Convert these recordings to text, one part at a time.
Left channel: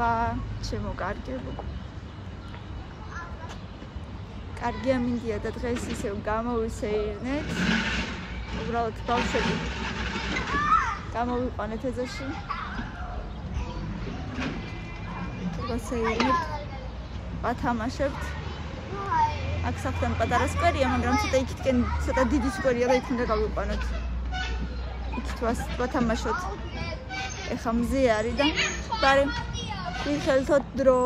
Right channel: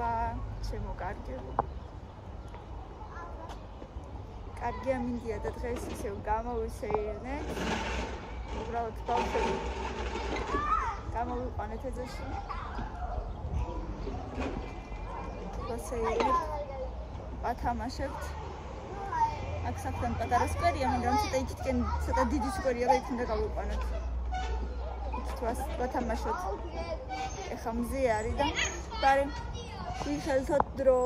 მადლობა, ჩემო კარგებო. კარგია მინდია და დღეს ისევ გამოვისეირნეთ. უბრალოდ ბავშვები გამოვიყვანეთ ეზოში. ვასეირნეთ, ვათამაშებთ. აქ საფთან პატარა სკვერია, მაგრამ ცოტა იქითკენ ცოტა დიდი სკვერია და იქ უნდა გავიყვანოთ. იქით ვათამაშოთ. ეხა მზე არის და ბარე ვიხელთოთ დრო.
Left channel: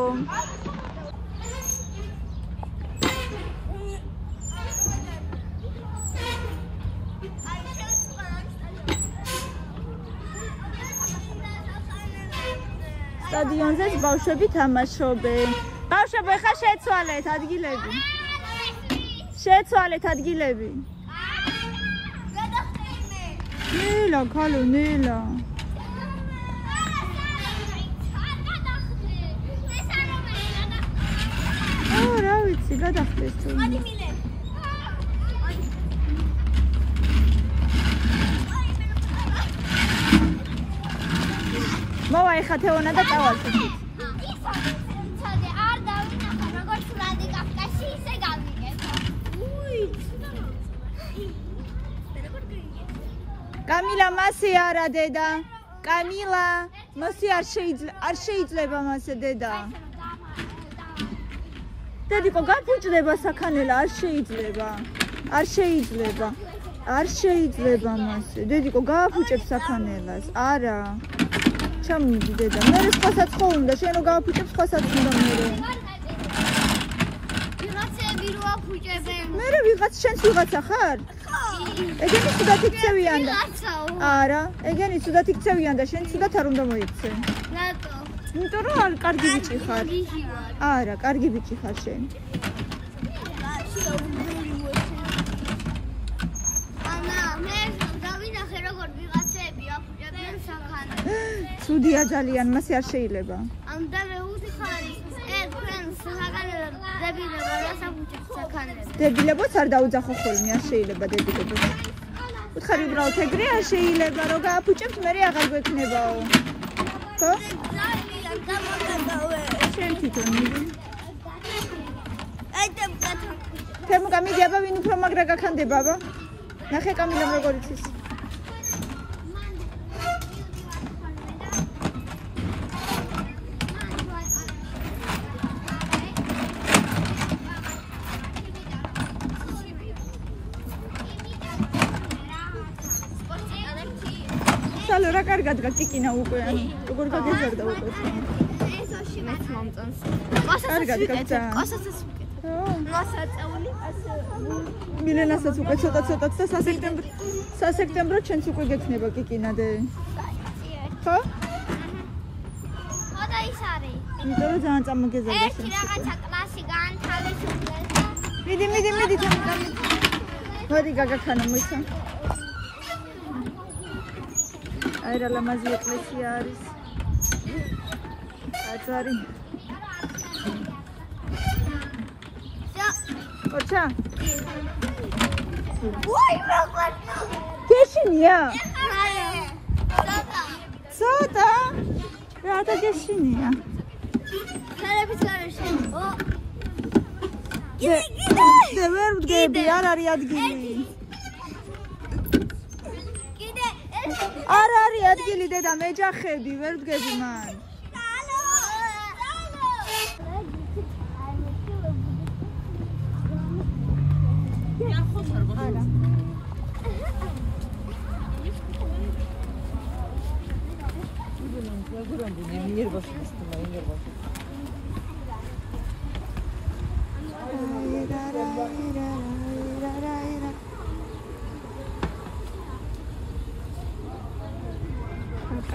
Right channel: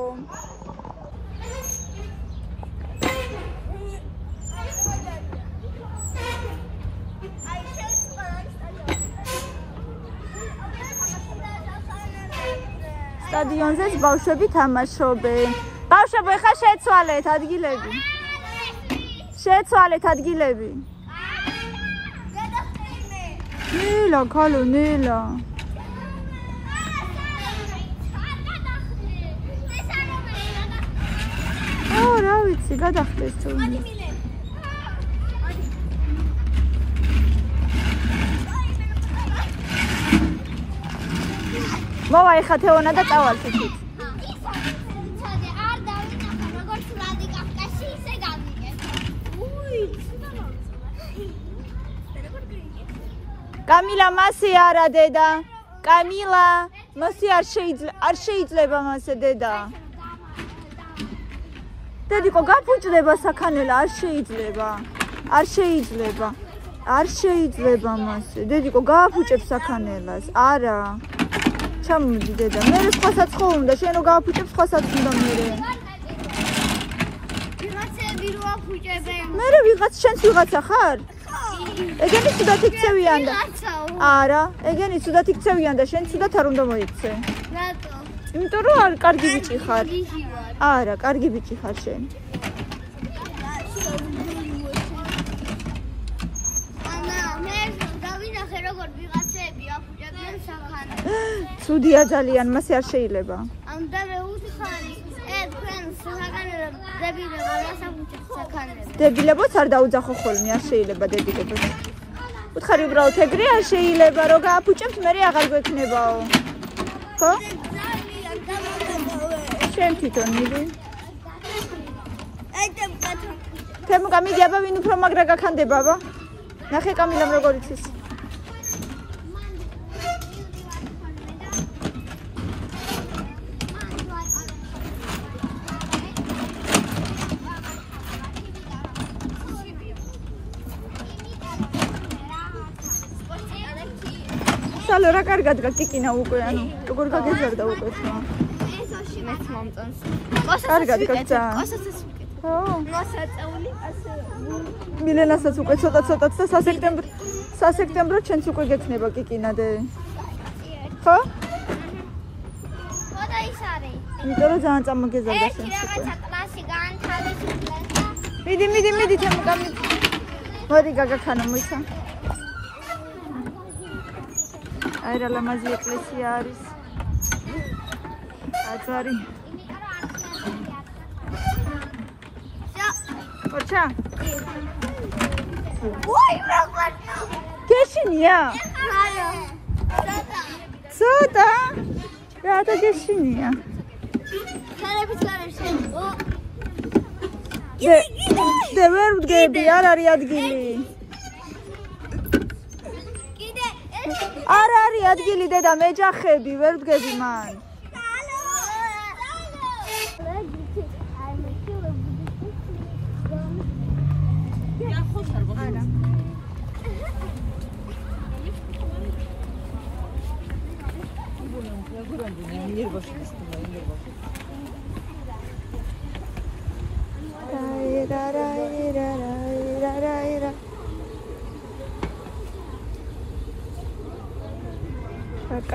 სტადიონზე ბავშვები თამაშობენ. ბავშვებო, ეხა შეცვალეთ ადგილები. შეცვალეთ ადგილები. ნელა, ქალო, ნელა. რა ვიცი, გადახდეს თუ. მოვა ეხა თეონა და წავალთ. კამილა მასე არა დედა. კამილა მასე არ შეიძლება მასე დედა. დედიკო გაფუჭდება საქანელა, არ შეიძლება. არ შეიძლება მასე. დედიკო გააფუჭებს საქანელას. არა. ჩამოდი დედა. მე სხვასაც ხო უნდა, შენ რო გააფუჭებს სხვასაც უნდა მე. ვიღაცები რო აფუჭებენ. მე ვიღაც შენს ვიღაცა ხარ? ეგენი ცუდად იქცევიან და. არა, ეგენი ცუდად იქცევიან და შენ ცუდად არ უნდა მოიქცე. რატო? იმიტომ რომ არ კარგი ბიჭი ხარ. არა, კარგი ბიჭი ხარ შენ. ანა, მე დავინახე როგორ ვიღაცები აფუჭებენ საქანელს. ცუდია ძალიან, მასე არ შეიძლება. ამდა მე უთხარი, თქვენ საქანელს დებილებო რას აფუჭებთ საქანელს. დებილებოც არ დაუძახო ხოლმე, არ შეიძლება დებილებოც. უთხარი უბრალოდ ეგრე არ შეიძლება, რომ გააფუჭებთ, მე აღარ გვექნებაო. ხო? შენ თვითონ მიდი. თემუკა მიდი აბა ვინ უფრო მაგრა გაქანდება აბა. ნახე კამილამ როგორ იცის. სალო რა კარგად გაკიკინა უკვე ანუ როგორ გაგეზარდა უკვე თმა. მეც მომწონს. კარგად გაკიცა. კოსასაც უკეთ. ხო. მოსაწეული ასე მილენასაც უკვე ცოტა და სასექტემბრო ჩვენც უკვე გექნება კიკინადე. ხო? ხო და ის არის. იმიტომ რომ ძალიან წამოგეზარდა შენ. ერთი რაღაცა კლასი განთავისუფლე. მიდი თემუკა. მოდი გაგაქანა მოიცა. აირა ლამაზი ეკლესია არის. აცარი. ოჩა. გეშინია? არა. ცოტა. რატო გეშინია? ხარების გარეშე. და ვერ ვდგები, არ არის ადგილი. არ არის ადგილი დედა, მეჯახები, ვერ ვდგები მან.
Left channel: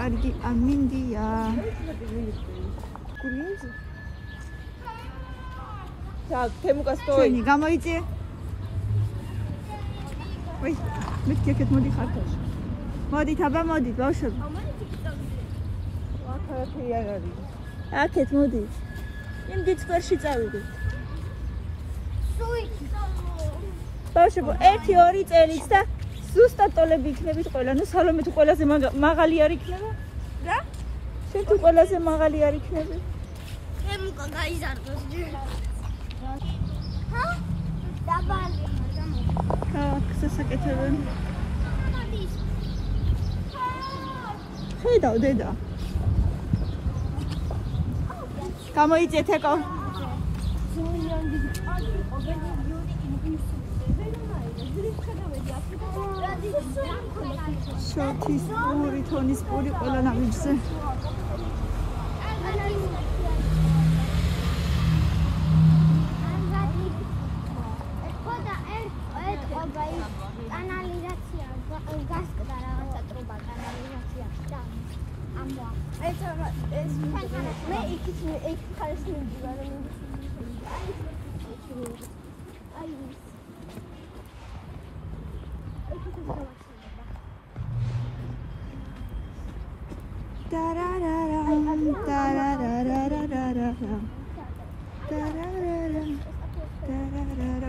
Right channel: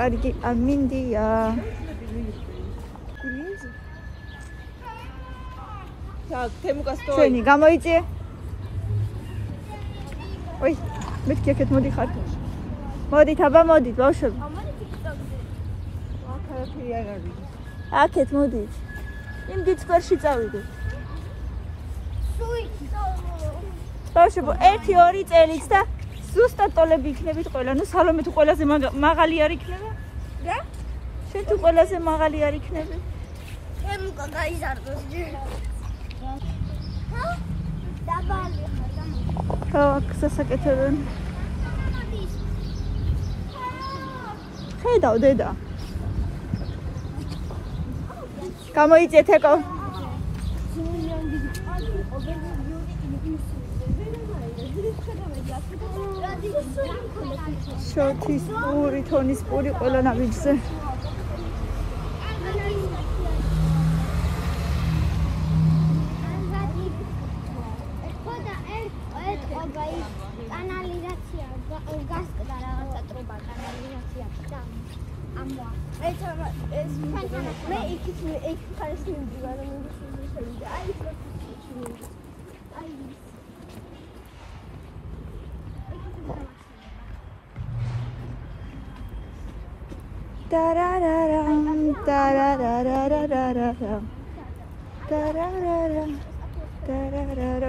კარგი ამინდია. ჩვენი გამოიწე. ой, მეთქი აქეთ მოდი ხარ. მოდით აბა მოდით ბავშვები. აქეთ მოდით. იმ დიდ სკვერში წავიდეთ. ბავშვებო, 1-2 წელიც და ზუსტად ტოლები იქნებით ყველა. ნუ სალომე თუ ყველაზე მაღალი არ იქნება? რა? შენ ყველაზე მაღალი არ იქნება. მე მოკა გაიზარდოს ჯერ. ჰა? დაბალი ხარ და ხო, გასაკეთებენ. ხედავ დედა. გამოიწეთ ეკო. შოთის პური, თონის პური ყველა ნაბიჯზე.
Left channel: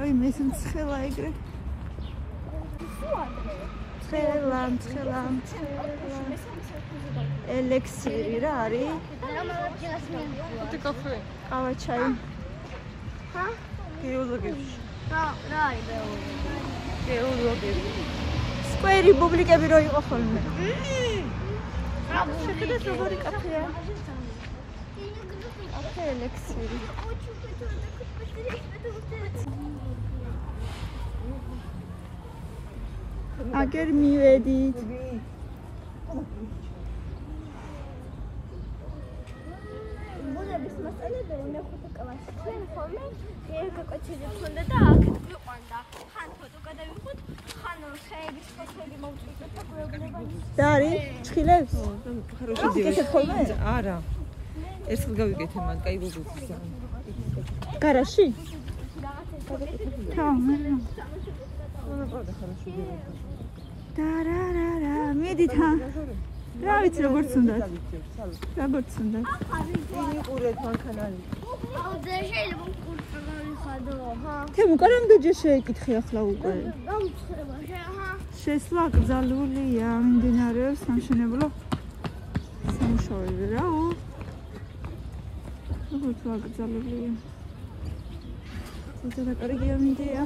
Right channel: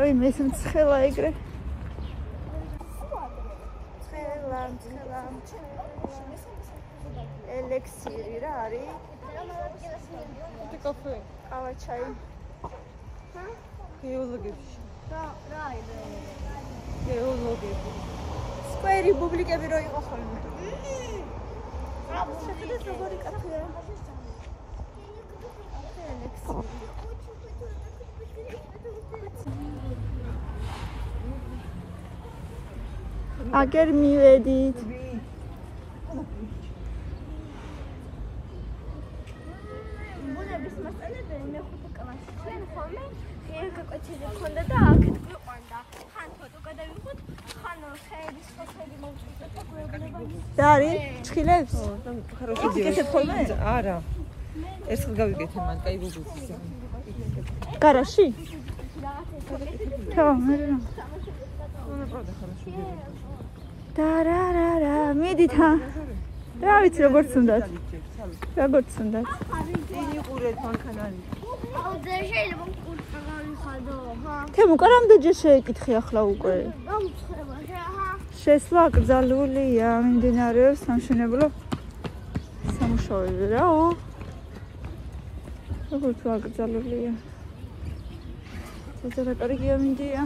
Ой, მე მცხელა ეგრე. მცხელა. ელექსირი რა არის? ყავა ჩაი. ჰა? გეოლოგიაში. რა არის? გეოლოგიაში. სკვერი პუბლიკები რო იყო ხოლმე. შეხედეთ როგორი კაფეა. ელექსირი. აგერ მივედით. ხონდა და აქეთ გვიყვანდა. ხან ფოტო გადავიღოთ, ხან ხეების ფოტოები მოვწვით და გვეუბნება. რა არის? ცხილებს? ო, და хороший девочка. არა. ერთხელ გავიკეთე მან, კაი ვიზიტი. გარაში? ხო, მე რა. დარარარა, მიდით. რა ვიცი როგორც უნდათ. აუ და შეიძლება კურსა გავიხადო. თემო, რამდენჯერ შეეკითხი ახლა უკვე? გაუცხება ხა. შესვლა აკრძალულია, მიმდინარეობს სამშენებლო სამუშაოები რაო. როგორც აკრძალულია. ცოტა კარგია მინდია.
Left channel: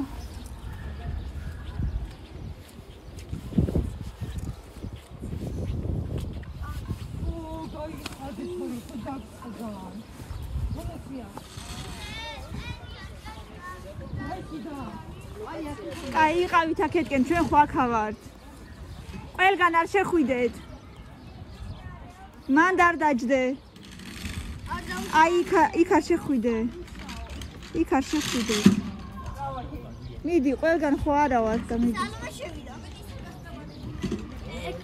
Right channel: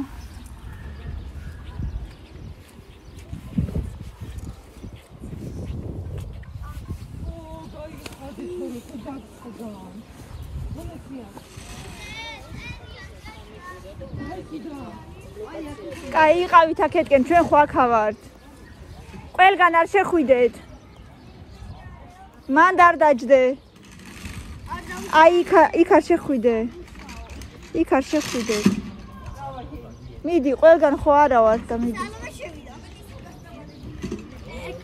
კაი, იყავით აქეთკენ, ჩვენ ხო აქ ვართ. ყველგან არ შეხვიდეთ. მანდ არ დაჯდე. აი, იქ არ შეხვიდე. იქ არ შეხვიდე. მიდი, ყველგან ხო არა ვართ და მიდი.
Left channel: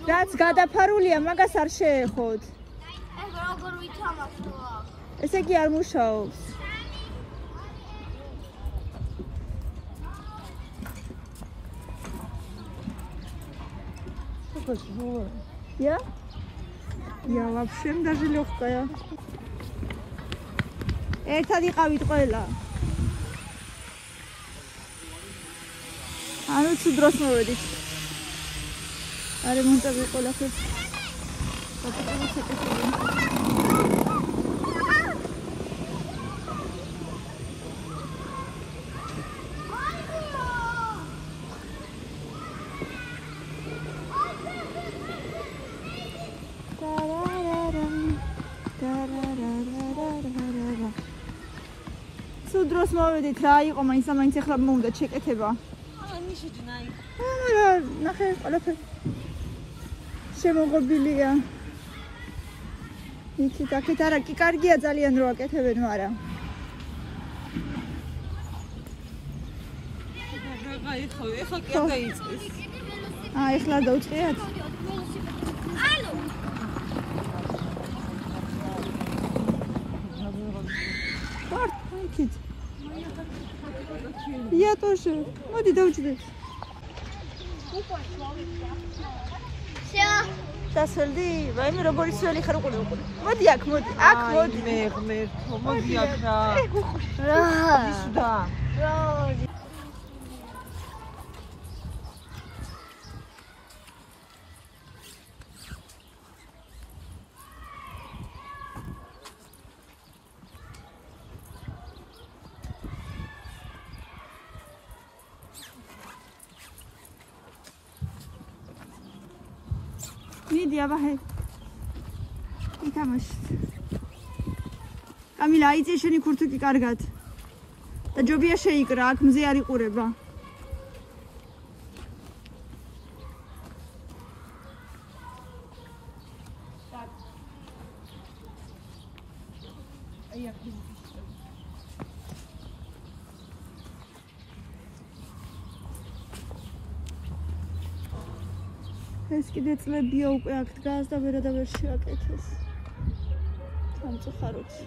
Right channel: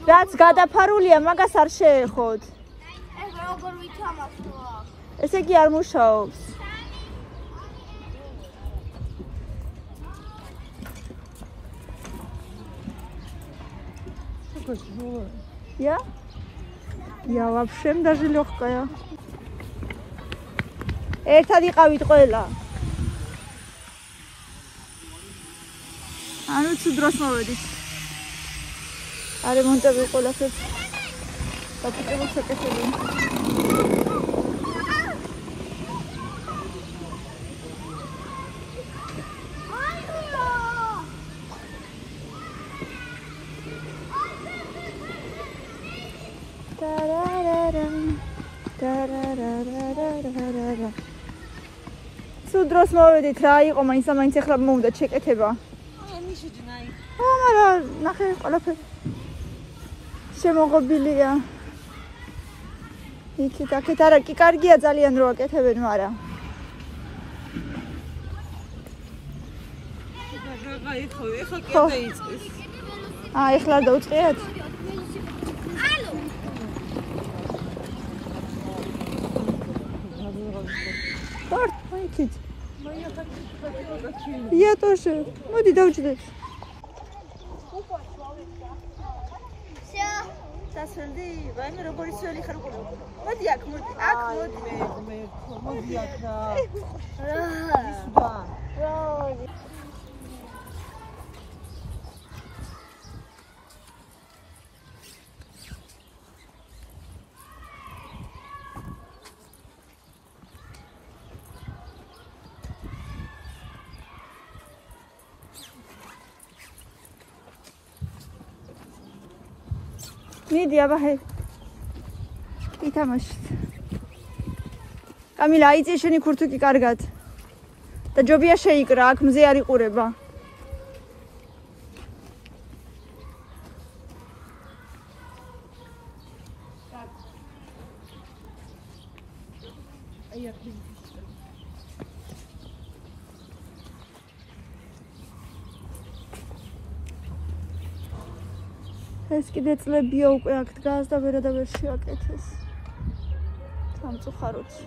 რაც გადაფარულია, მაგას არ შეეხოთ. ეს როგორ ვითამაშო აქ? ესე იგი არ მუშაობს. Я? Я вообще даже легкая. ერთად იყავით ყველა. ანუ თუ დროს მოვედით. არემონტები ყველაფერს. დაპყრობ შეკეთებული. სუდროს მოვედით რა იყო მაინც ახლა მომდა შეკეთება. ანუ შეჯნაი. არა, ნახე ყველაფერი შემოღობილია. იქით აქეთ არა კი კარგია ძალიან რო აკეთებენ, მაგრამ ეხლა კი დაიწყეს. ეხლა დაუწყიათ? ალო. Тарт, იქით. Я тоже. მოდი დავჯდეთ. всё. დასვენდი, ვაიმე როგორი სველი ხარ უყურე. მოდი აქ, მოდი. აქ მოდი. მე მოდი აქ რა. რა. და მიდი აბა ჰე. ითამაშეთ. კამილა აიწე შენი ქურთუკი კარგად. და ჯობია შეიკრა, აქ მზე არ იყურება. ეს კიდე წლებია უკვე აქ დგას და ვერ შეაკეთეს. სამწუხაროდ.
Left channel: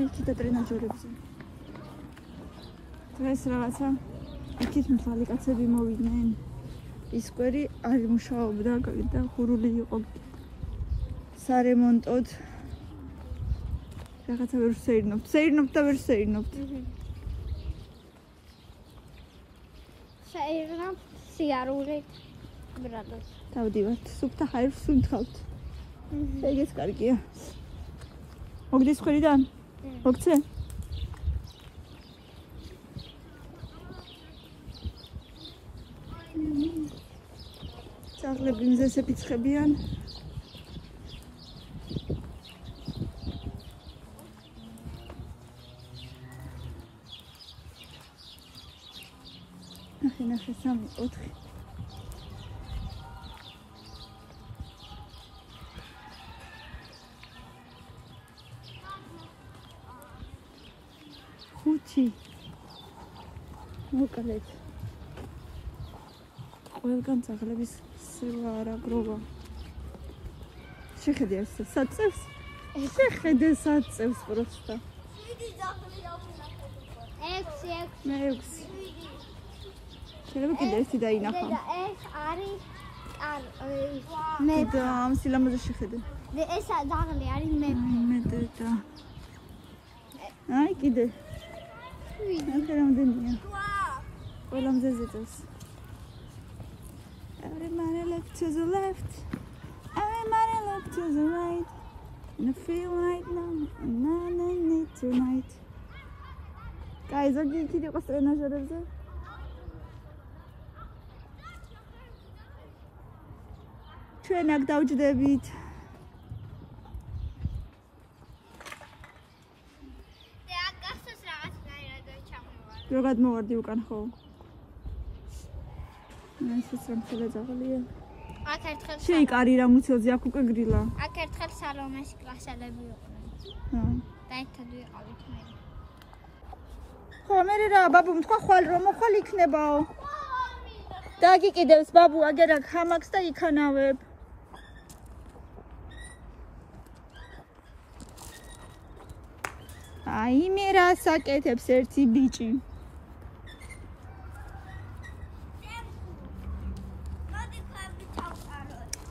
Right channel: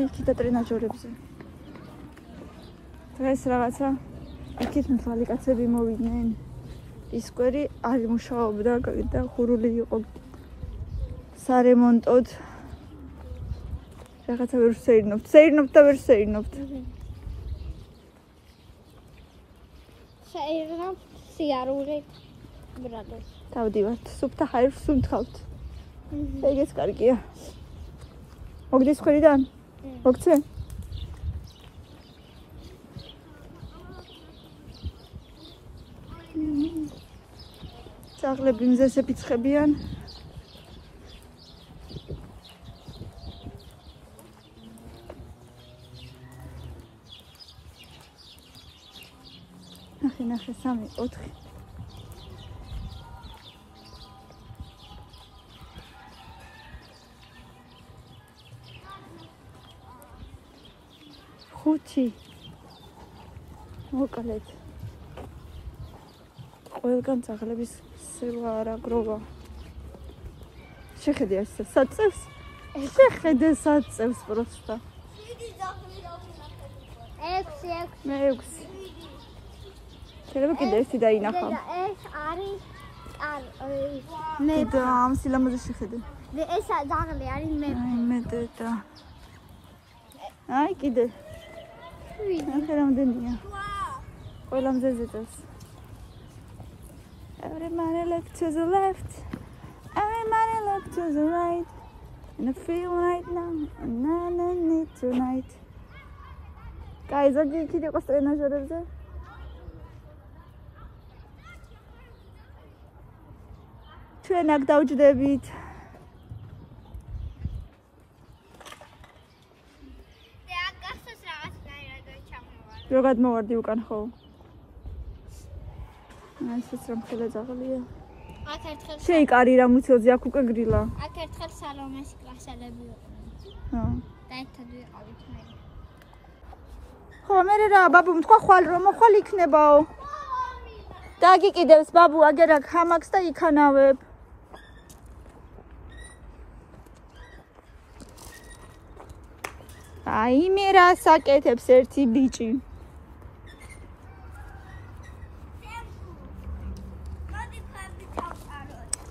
იქით ტრენაჟორებზე. დღეს რაღაცა იქით მთელი კაცები მოვიდნენ. ისკვერი არ მუშაობდა და ხურული იყო სარემონტოდ. რაღაცა ვერ შეირნობთ. შეირნობთ და ვერ შეირნობთ. შეირნობ სიარული ბრადოს. თავდივართ. სუფთა ხაერს სუნთქავთ. ეგეც კარგია. მოგდის ხვირიდან? მოგცე? ძაღლები მზეს ეფიცხებიან. ნახე 3 4 ხუთი მოკლედ ყველგან ძაღლების სევა არა გროვა შეხედე ეს საწევს შეხედე საწევს პროსტა 6 შეიძლება კიდე ერთი დაინახო ეს არის მე და ამ სილამაზე შეხედე ეს ძაღლი არის მე და აი კიდე ახლა რამდენია ყველა მზეზე წავს Everybody look to the left Everybody look to the right And I feel right now And I don't need tonight Guys, what do you think of the ტრენაჟორებზე? ჩვენ აქ დავჯდებით რო გადმოვარდი უკან ხო? ესეც რომ ხელა ძაღლია. აქ ერთხელ შეიკარი რა მუცელზე აქ უკვე გრილა. აქ ერთხელ სალომეს კლასელები იყვნენ. ჰა. და ერთად ვიყავით მე. ხო, მე რა ბაბუ თქვა ხვალ რომ მოხვალ იქნებაო. დაგიკიდებს ბაბუ აგერ აქ ჰამაკს და იქანავებ. აი მე რა საკეთებს ერთი ბიჭი.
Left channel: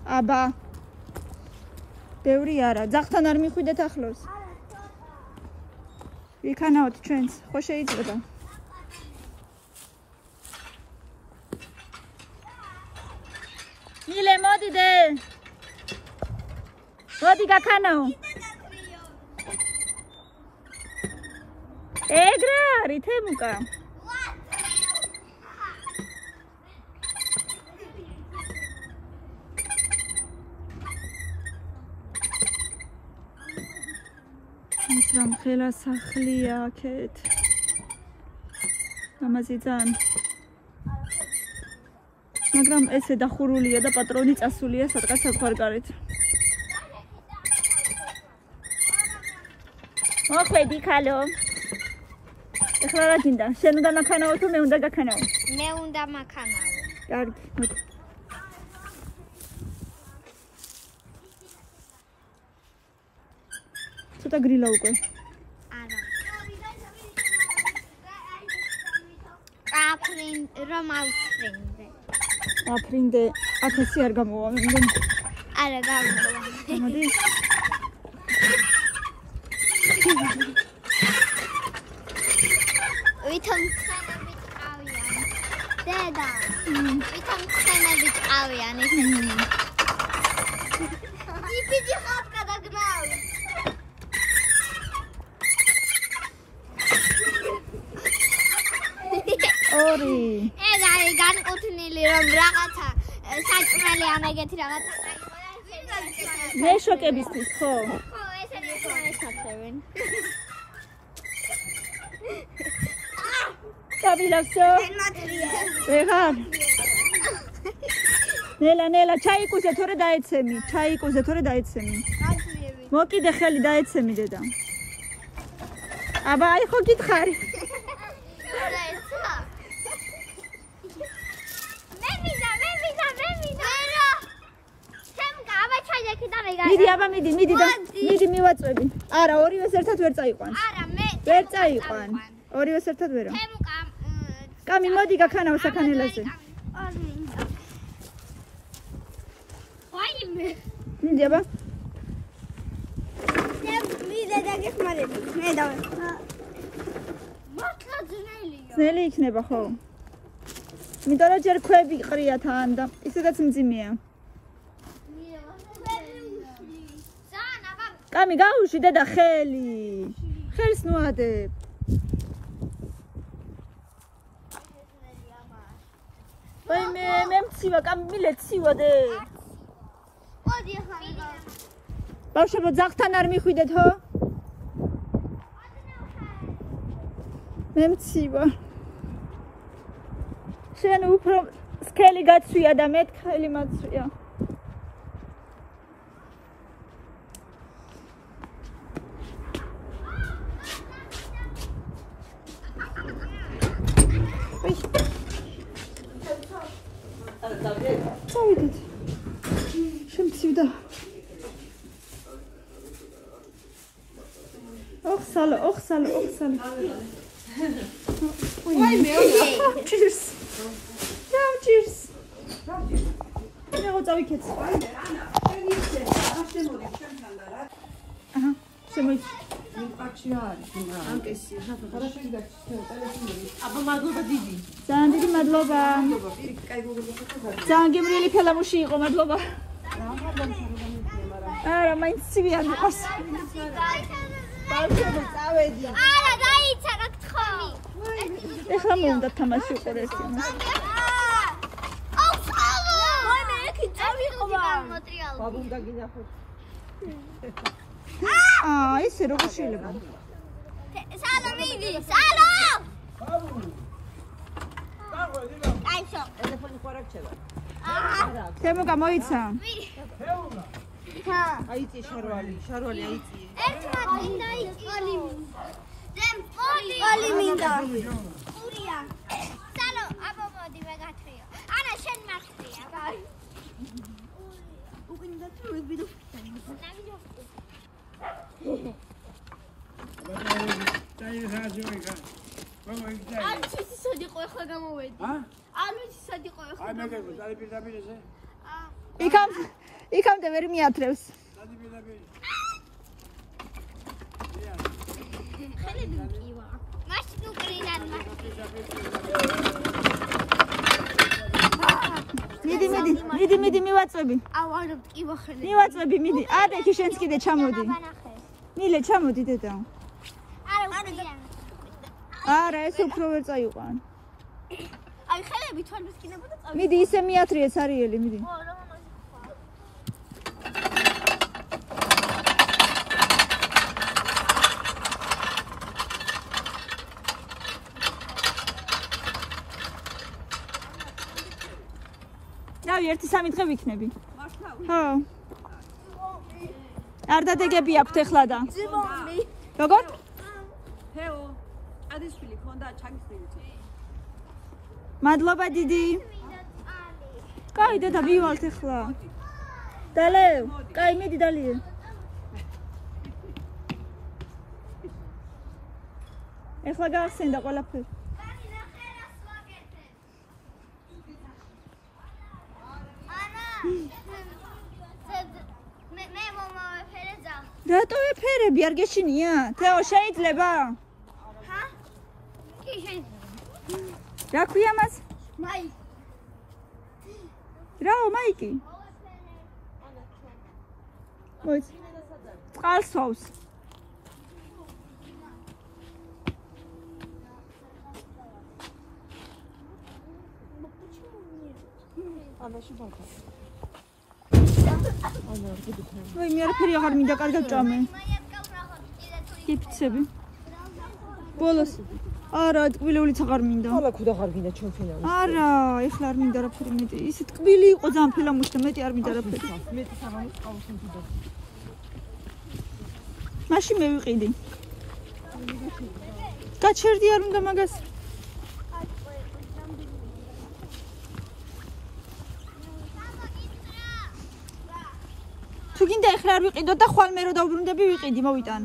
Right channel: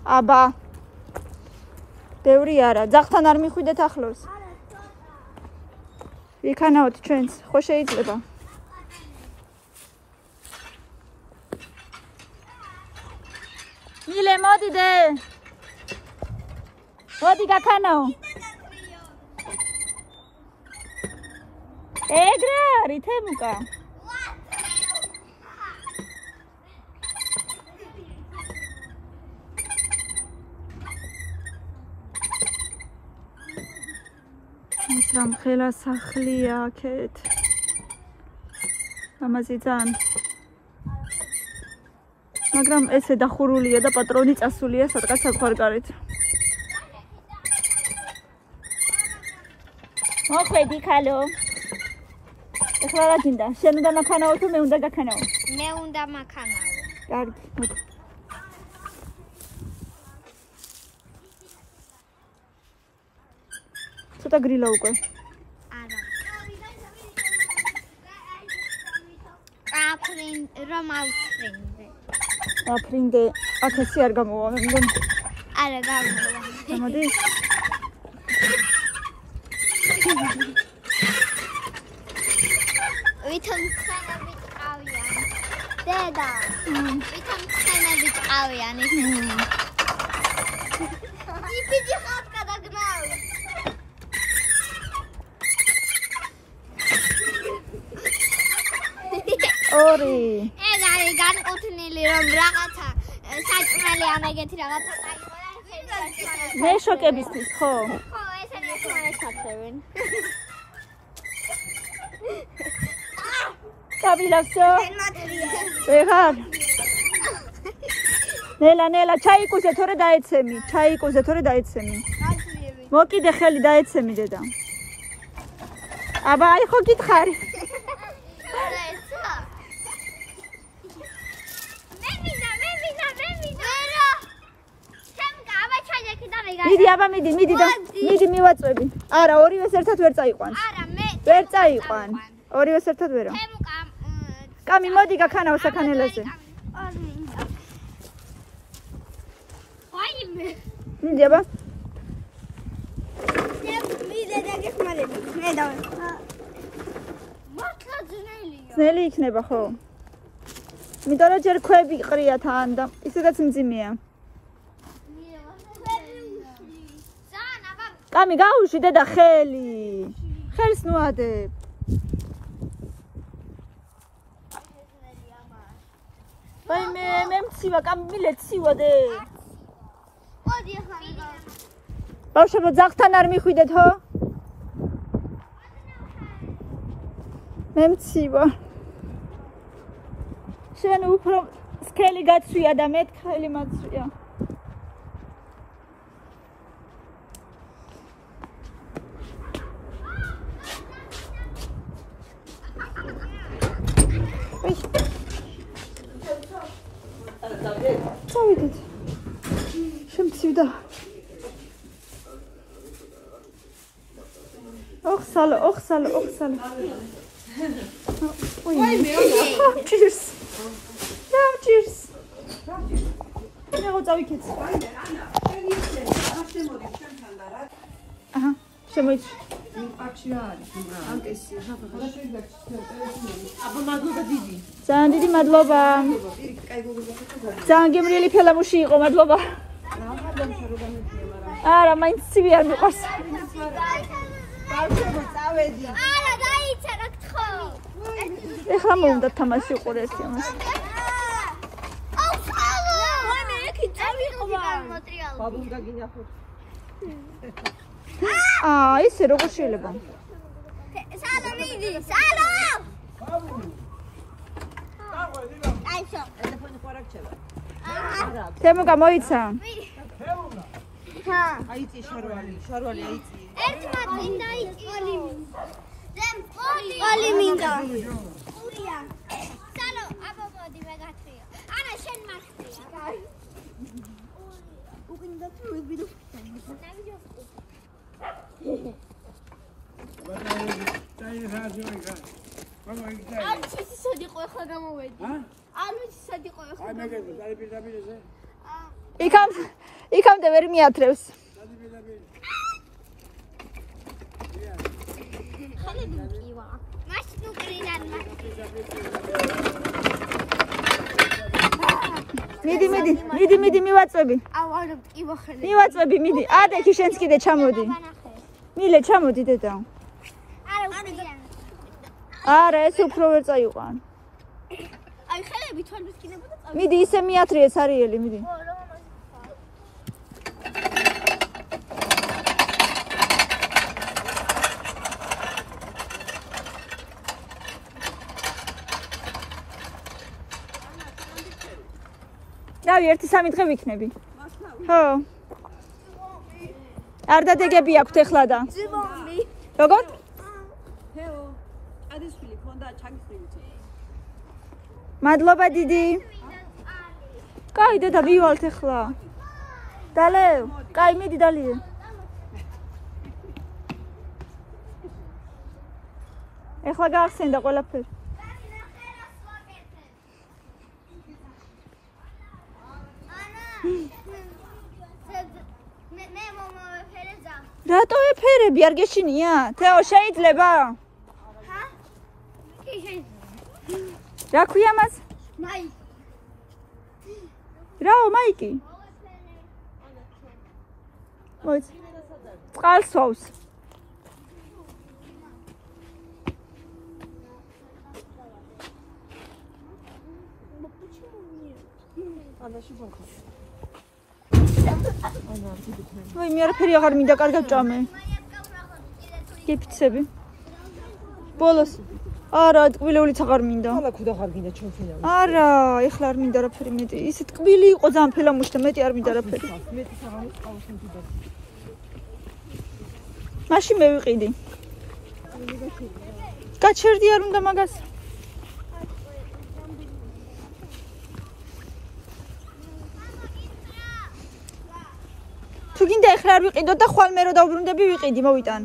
აბა ბევრი არა ძაღთან არ მიხვიდეთ ახლოს იქანაოთ ჩვენს ხო შეიძლება მილე მოდიდე მოდი გაქანაო ეგრე არის თემუკა მაგრამ ხელა სახლია აქეთ ამაზე ძალიან მაგრამ ესე დახურულია და პატრონი წასულია სადღაც საქვარკარით მოხვედი ქალო ეხლა რა გინდა შენ უნდა მაქანაო თუ მე უნდა გაქანაო მე უნდა მაქანაო კარგი ცოტა გრილა უკვე არა აფრინდე აფრინდე აქ ესე არ გამოვა, მე მგონი. არა, გამოვა. გამოდის? ვითომ ხანები წავიან. დედა. ვითომ ხანები წავიან ისინი. იფიჯი ხარ გადაგნავი. ორი. ეგ არის განკუთვნილი რომ რაღაცა საჭმელი ან ეგეთი რაღაცა მე შოკებისთვის ხო? ხო, ესენი ესაცევენ. კაბილავსო? ვეღარ. ნელა, ჩაიკუზე თორე დაეცემი, მოკიდე ხელი დაეცემი დედა. აბა, აი ხო გითხარი. მიდი მივაწვევი. არა, ორივეს ერთად ვერ წაიყვანს. არა, მე ვერ წაიყვან. ორივეს ერთად ვერა. კამი, მოდი გაქანავ საქანელაზე. ვაიმე. მიდი აბა. მიდე დაგეხმარები. მე დავე. მართლა ძნელია. ძნელი იქნება ხო? იმიტომ რომ ჯერ ქვები ყრია თან და ისედაც მძიმეა. კამი გაუში დედა ხელი. ხელს ნუადებ. ვაი მე მცივა, კამი მილე ცივადე. მოდი ახლა. ბავშვებო, ძაღთან არ მიხვიდეთ ხო? მე მცივა. შენ უფრო სქელი გაცვია და მე ხელი მაცვია. წავიდეთ. შემცივდა. ოხსალო. ვაიმე. Cheers. Cheers. მე წავიქეც. აჰა, შემოიც. ძალიან დიდი მადლობა. ძალიან გემრიელი ფელამუში იყო, მადლობა. არა, მაინც ცივი არ მიყვარს. არა, დაიცა რა გთხოვი. ეხლა მომდა თამაში უყურე ერთი ამას. ისე როგორ შეიძლება? სალო მიდი, სალო! აიშო. თემუკა მოიცა. აიწი შარვალი აიწი. ერთმანეთს დაიწყალი. დემ პოლი მინდა. ურია. სალო, აბა მოდი ვეგათრიო. არა, შენ მახტრია. უკინდა თუ ვიბიდო. ანუ ისად იყო ახლა გამოვედი. ანუ ისად იყო ახლა. აი მეგები, დაპირდაპირზე. იქამდე ვერ მიათრევს. ხელები მკივა. მაშინ უკრინან მიდი მივაწვევი. აუ არა მკივა ხელები. მივაწვევი, მიდი. ადექი შენც კიდე ჩამოდი. მილე ჩამოდი დედა. არა უკრინან. არა, ეს უფრო ვერ წაიყვან. აი ხელები თვალს კიდებოდა წავი. მიდი ისე მიათრიე ცარიელი, მიდი. ხო, რა მომაჟი. დავი 1-3 დღე ვიქნები. ხო. არ დადეგები აქვთ ეხლა და. როგორ? თეო, ადისვილი ფონდა ჩაგიხდებით. მადლობა დიდი. კაი დედა ვივალთ ეხლა. დალევ, კაი მიდი დალიე. ეხლა გაახსენდა ყველაფერი. ანა ნაყოფი არ გეშინია? თეო, შეიძლება? ჰა? კი შეიძლება. რა ქვია მას? მაიკი. რაო, მაიკი? მოიც. წყალს ვავს. ვაი, მე არაფერი აღარ მინდა, კარგად ჭამე. გიფიცები. ბოლოს. არა, ტკბილებულიც აღარ მინდა. ალა ქუდა ხარ გინდა ჩვენ ფინალი. არა, ეხლა არ მინდა არაფერი მეტი. ისე ტკბილი იყო ძალიან ფელამუში და მეტი არ მინდა არაფერი. მეტი საღამოს ყავს მიდოდა. მაშინ მე ვიყიდი. გაჩერდი არ უნდა მაგას. თუ გინდა ეხლა არ ვიყიდო და ხვალ მე რო დავბრუნდები ვიყიდი, მოვიტან.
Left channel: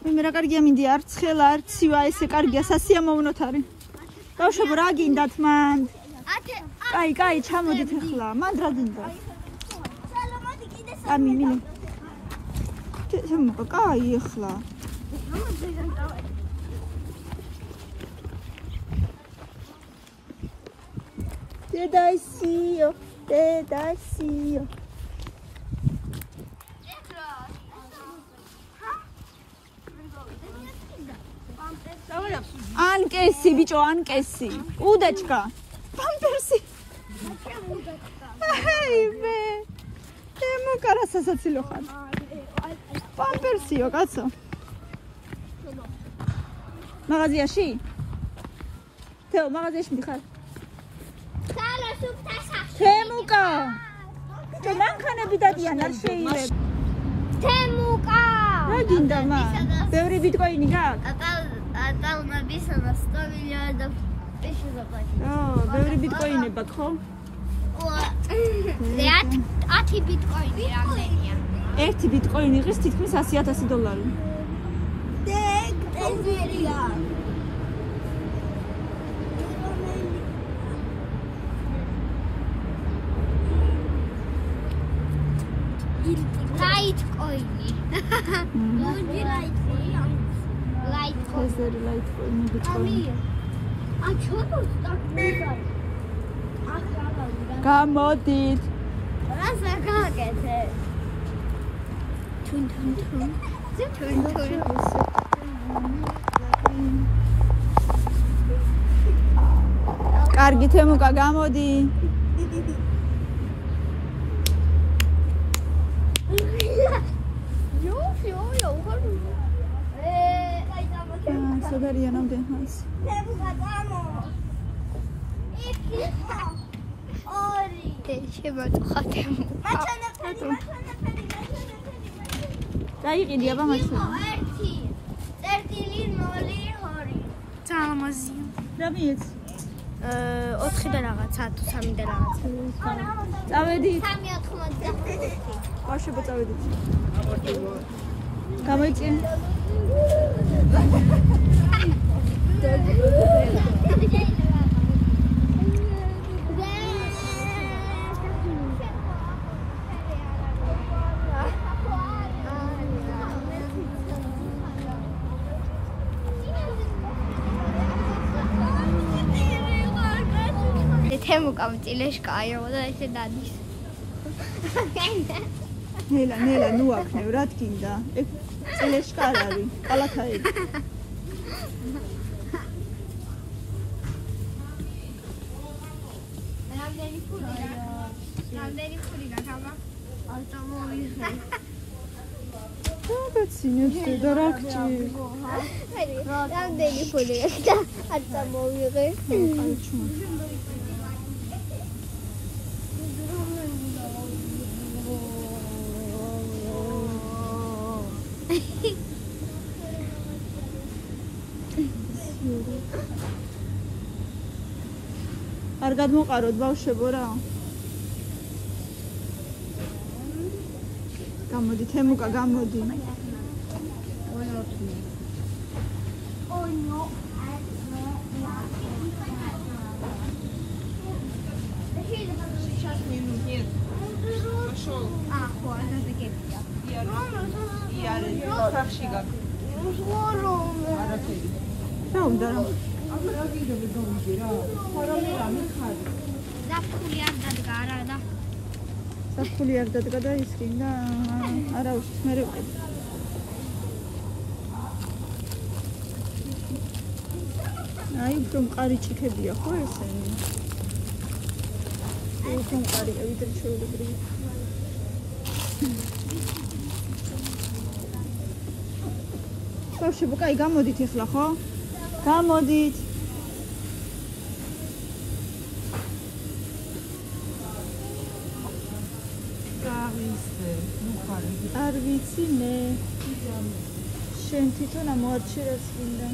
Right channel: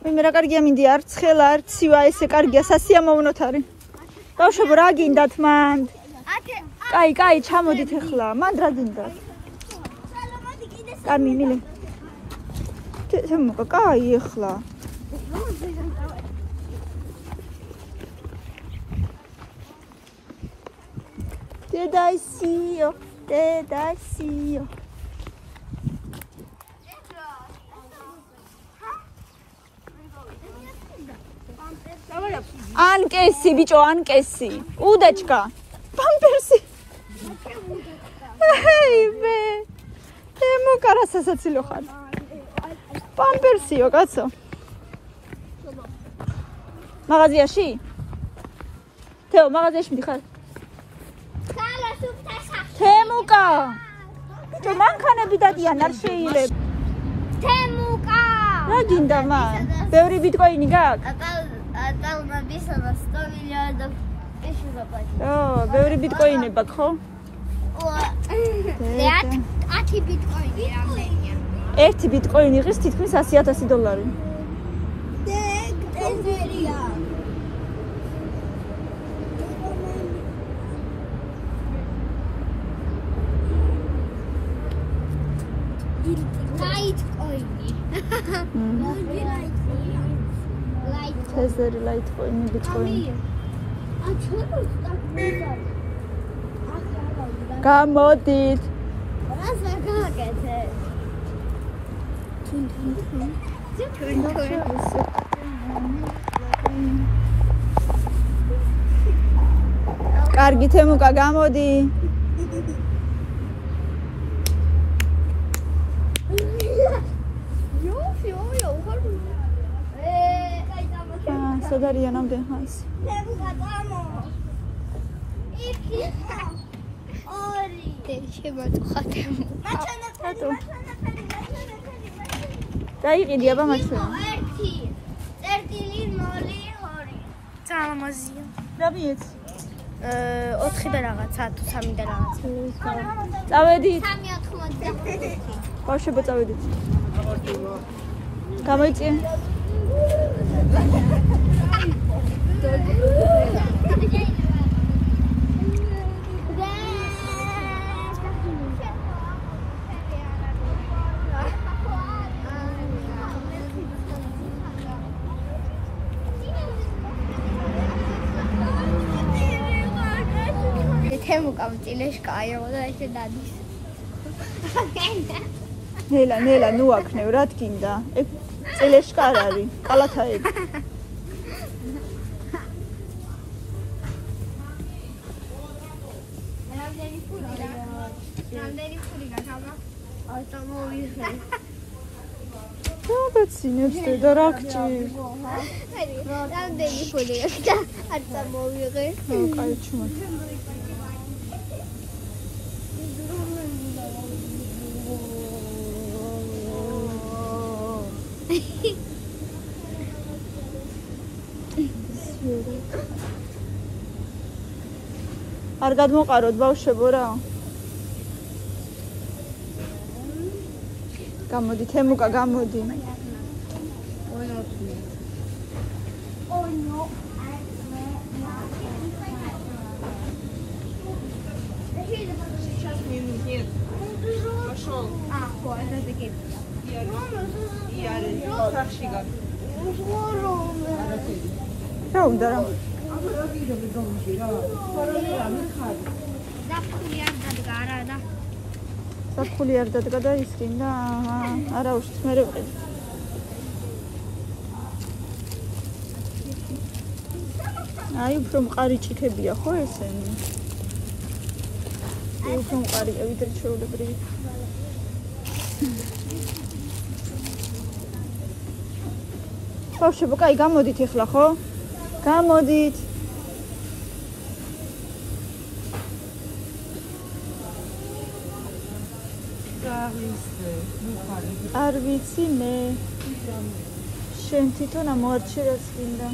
მე რა კარგია მინდი, არ ცხელა, არ ცივა, ესე კარგია, სასიამოვნოთ არის. ბავშვებო, რა გინდათ მანდ? კაი, ჩამოდით ეხლა. მანდ რა გინდათ? კამი, მილი. თემუკა, კაი ეხლა. დედაისიო. ანკესი, ბიჭო, ანკესი. უდაჩკა. პამპერსი. ჰეივე. თემუკა რა სასაცილო ხარ. პამპერსიო, კაცო. მაღაზიაში? თეო, მაღაზიაში მიდიხარ? თემუკა. ბიჭო, მანქანები დადიან, არ შეიძლება. თემუკა. რა გინდა მან? ბევრი ბიტკოინი გაქვს? ატალმაბისა და 100 მილიონი პეში გაპატი. ბევრი ბიტკოინებად, ხო? 10 ბიტკოინი რამდენია? 1 ბიტკოინი ღირს თითქმის $100,000. ეგერია. ლაიტკოინი. თეზერი ლაიტკოინი, ბიტკოინი. გამოდით. რასა გაკეთე? თუნ. კარგი თემუკა, გამოდი. სოდარია ნამდვილ ხანს. დაიყიდი აბა მაჩვენა. 1.0.2. ძალამაზია. რა მიეც? 4 და რაღაცა, თუ 3 და რაღაცა. წავედით. 3.80. ბავშვებო, წავედით. გამოიწია. თემუკა მწილეშკაიო და ესე დადის. ნელა, ნუ აქნევ, რა თქინდა? ეგ წილეშკა არ არის, კალათაები. რამდენი ფული გაქამა? არ წამოვიღე. დაბეცინებს და რა გჭირ? რამდენი ფული არ წამოვიღე? კაი ჩუმ. არ გადმოყაროთ ბავშვებო რა. გამოდი თემუკა, გამოდი. ხო, ასეთი კეთია. სახში გაკ. არაფერი. რა უნდა რა? აბა რა გიგები გამიჯი რა. ხარალი რა მიხარი. ზაფხული არ დადგა არა და საფული არ დადგა და ისკინდა. არა უშიც მე ვიყიდ. აი უფრო მყარი ჭიქებია ხო ესენი? აი უფრო მყარია ვიდრე ჩვეულებრივი. ბავშვებო, კაი გამოდით ახლა ხო? გამოდით. არ ვიცი მე. შენ თვითონ ამოარჩი რას გინდა?